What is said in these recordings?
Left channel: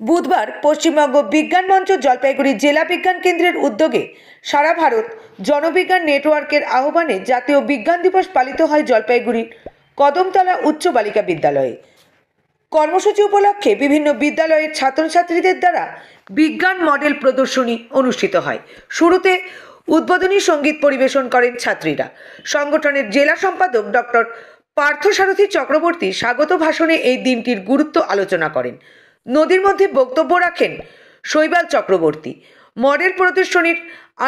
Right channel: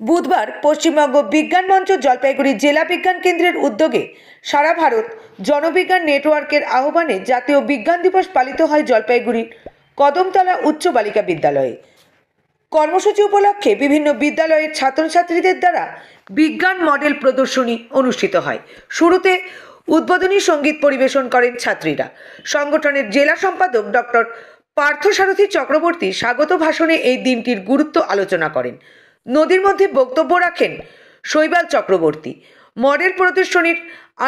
বুধবার পশ্চিমবঙ্গ বিজ্ঞান মঞ্চ জলপাইগুড়ি জেলা বিজ্ঞান কেন্দ্রের উদ্যোগে সারা ভারত জনবিজ্ঞান নেটওয়ার্কের আহ্বানে জাতীয় বিজ্ঞান দিবস পালিত হয় জলপাইগুড়ির কদমতলা উচ্চ বালিকা বিদ্যালয়ে। কর্মসূচি উপলক্ষে বিভিন্ন বিদ্যালয়ের ছাত্রছাত্রীদের দ্বারা বিজ্ঞান মডেল প্রদর্শনী অনুষ্ঠিত হয়। শুরুতে উদ্বোধনী সঙ্গীত পরিবেশন করেন ছাত্রীরা। সংগঠনের জেলা সম্পাদক ডক্টর পার্থসারথী চক্রবর্তী স্বাগত ভাষণে এই দিনটির গুরুত্ব আলোচনা করেন। নদীর মধ্যে বক্তব্য রাখেন শৈবাল চক্রবর্তী। মডেল প্রদর্শনীর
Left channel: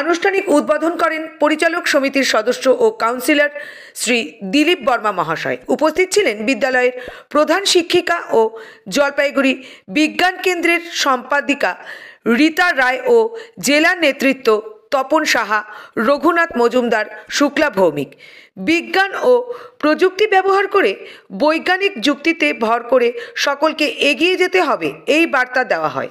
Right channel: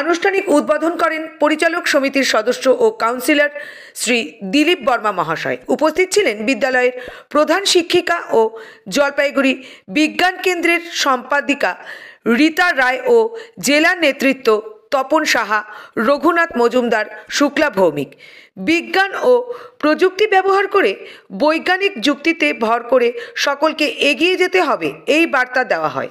আনুষ্ঠানিক উদ্বোধন করেন পরিচালক সমিতির সদস্য ও কাউন্সিলর শ্রী দিলীপ বর্মা মহাশয়। উপস্থিত ছিলেন বিদ্যালয়ের প্রধান শিক্ষিকা ও জলপাইগুড়ি বিজ্ঞান কেন্দ্রের সম্পাদিকা রীতা রায় ও জেলা নেতৃত্ব তপন সাহা, রঘুনাথ মজুমদার, শুক্লা ভৌমিক। বিজ্ঞান ও প্রযুক্তি ব্যবহার করে বৈজ্ঞানিক যুক্তিতে ভর করে সকলকে এগিয়ে যেতে হবে, এই বার্তা দেওয়া হয়।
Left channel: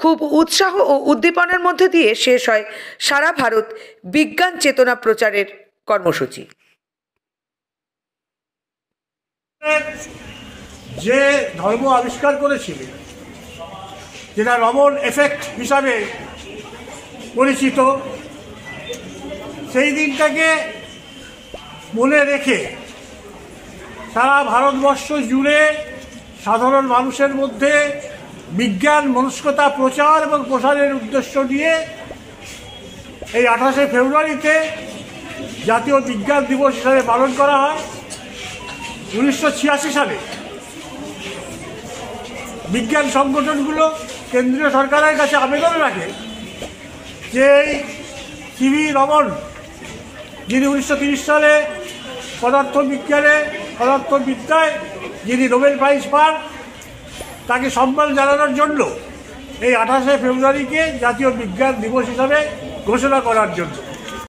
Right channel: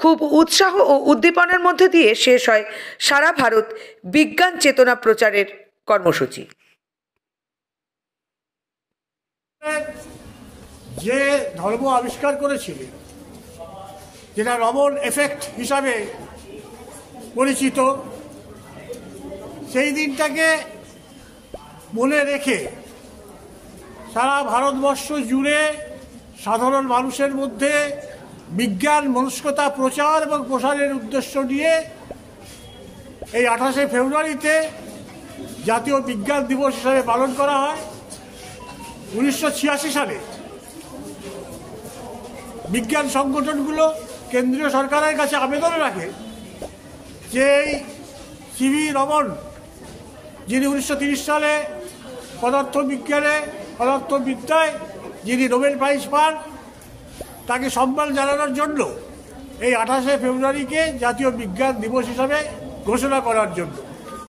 খুব উৎসাহ ও উদ্দীপনার মধ্য দিয়ে শেষ হয় সারা ভারত বিজ্ঞান চেতনা প্রচারের কর্মসূচি। যে ধর্ম আবিষ্কার করেছিলেন, যেটা রমন এফেক্ট হিসাবে পরিচিত, সেই দিনটাকে মনে রেখে সারা ভারতবর্ষ জুড়ে সাধারণ মানুষের মধ্যে বিজ্ঞান মনস্কতা প্রচার এবং প্রসারের উদ্দেশ্য নিয়ে এই 28শে ফেব্রুয়ারিতে জাতীয় বিজ্ঞান দিবস হিসাবে পালন করা হয়। 1986 সালে বিজ্ঞান সংগঠনগুলো কেন্দ্রীয় সরকারের কাছে আবেদন রাখে যে সিভি রমন, যিনি 1930 সালে পদার্থবিদ্যায় যিনি নোবেল প্রাইজ পান, তাকে সম্মান জানানোর জন্য এই 28শে ফেব্রুয়ারিকে জাতীয় বিজ্ঞান দিবস হিসাবে ঘোষণা করার জন্য।